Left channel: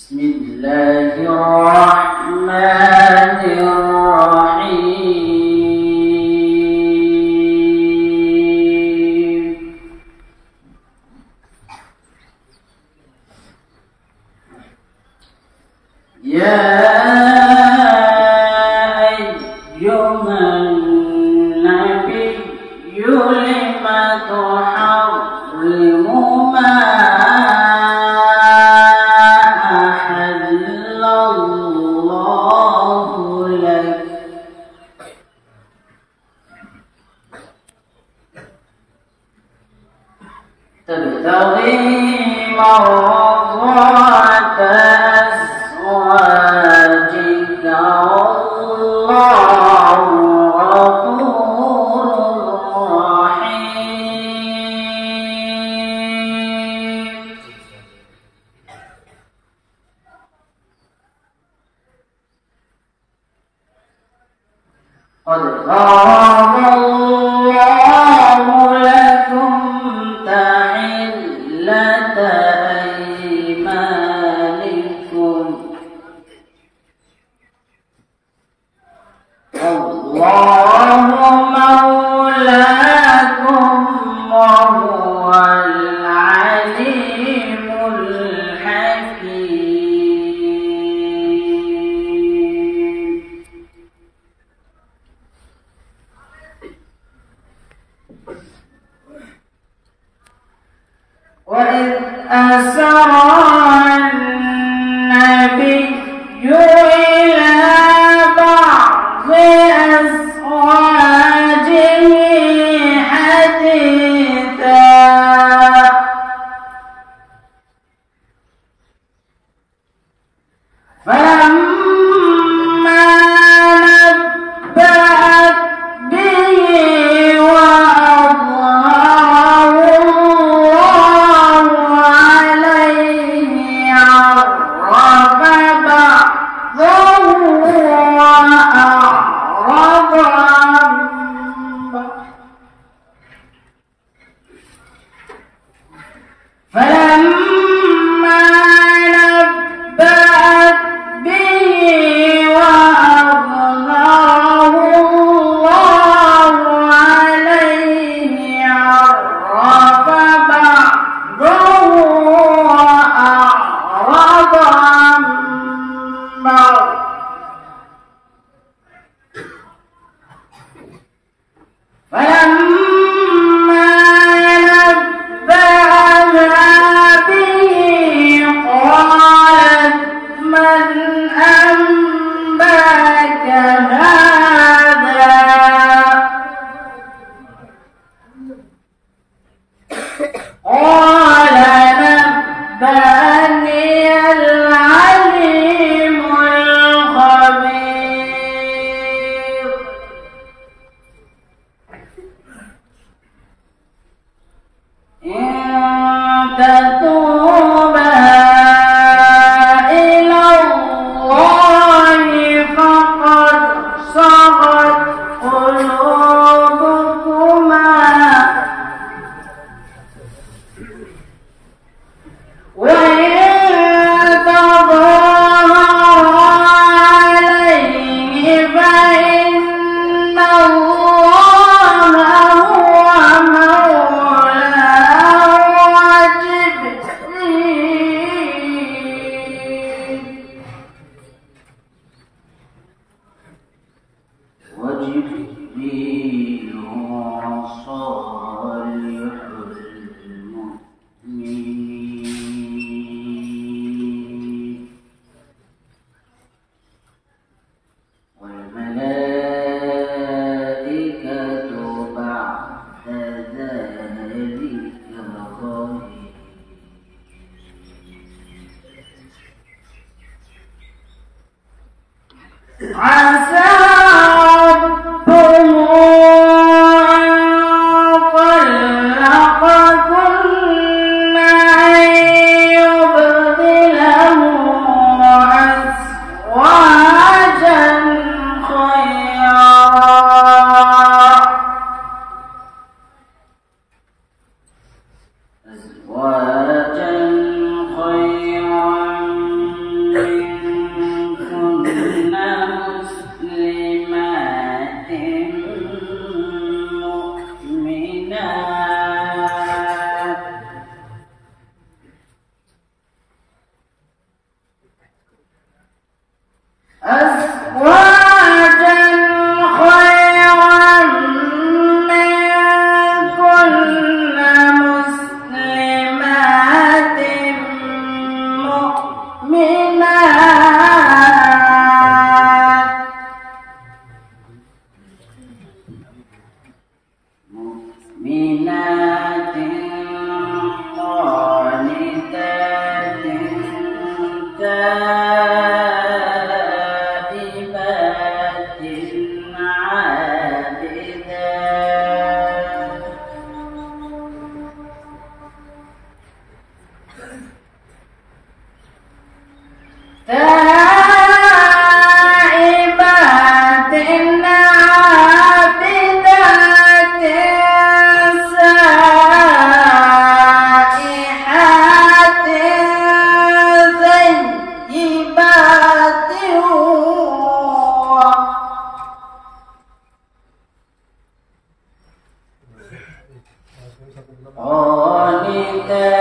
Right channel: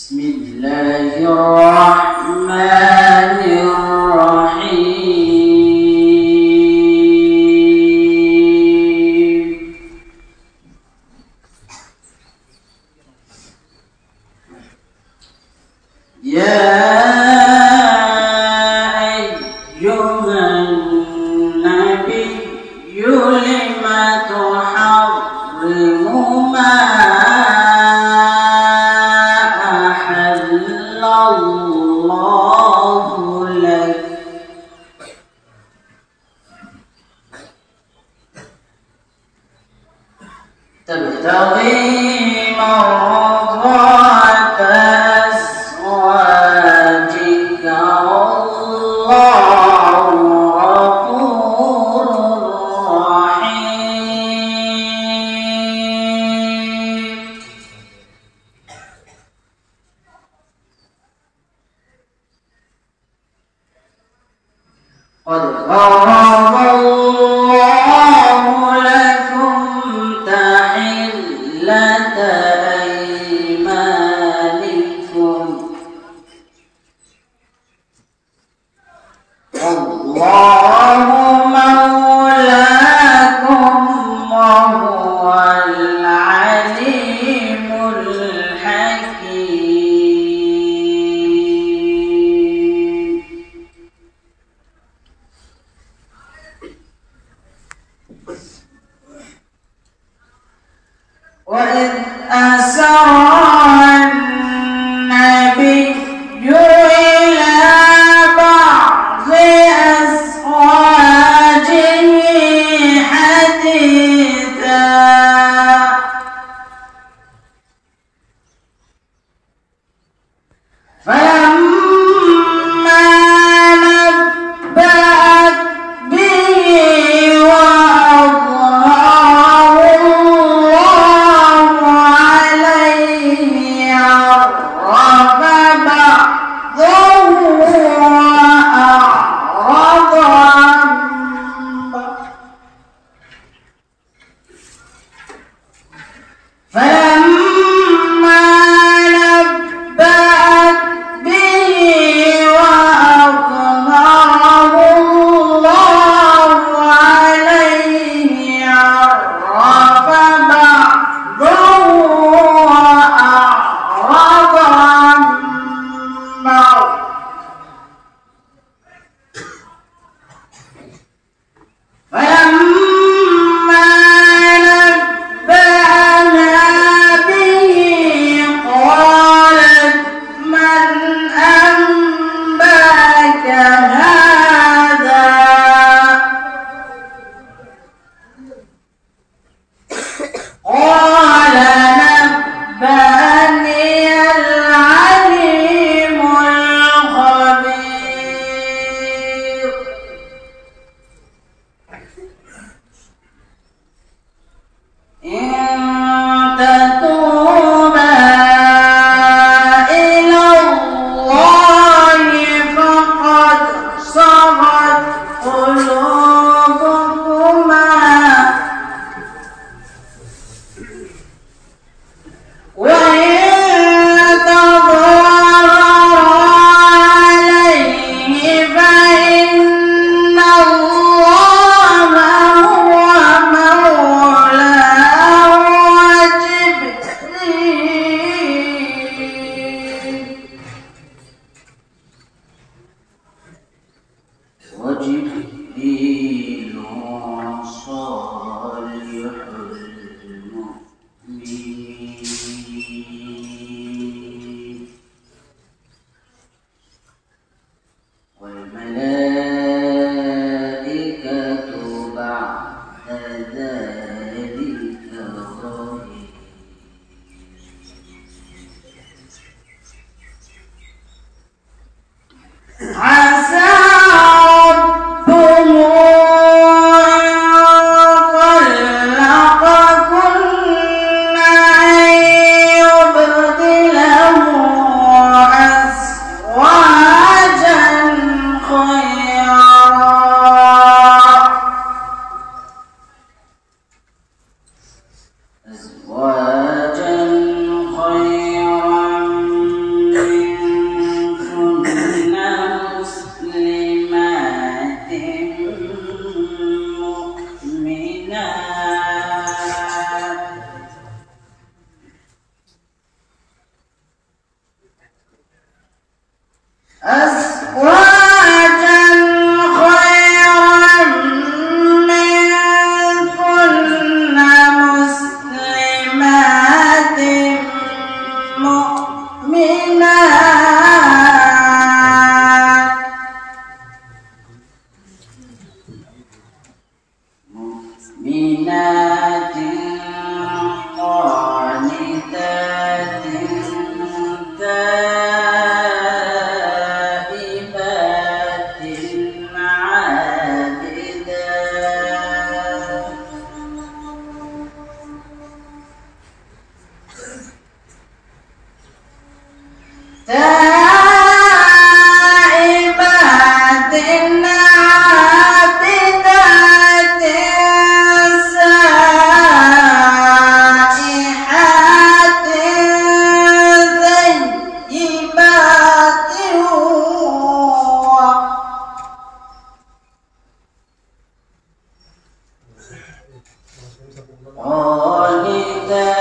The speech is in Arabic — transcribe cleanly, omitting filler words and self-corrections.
بسم الله الرحمن الرحيم. يا أيها النبي لم تحرم ما أحل الله لك تبتغي مرضات أزواجك والله غفور رحيم. قد فرض الله لكم تحلة أيمانكم والله مولاكم وهو العليم الحكيم. وإذ أسر النبي إلى بعض أزواجه حديثا فلما نبأت به وأظهره الله عليه عرف بعضه وأعرض عن بعض فلما نبأت به وأظهره الله عليه عرف بعضه وأعرض عن بعض فلما نبأها به قالت من أنبأك هذا قال نبأني العليم الخبير. إن تتوبا إلى الله فقد صغت قلوبكما وإن تظاهرا عليه فإن الله هو مولاه وجبريل وصالح المؤمنين والملائكة بعد ذلك ظهير. عسى ربه إن طلقكن أن يبدله أزواجا خيرا قانتا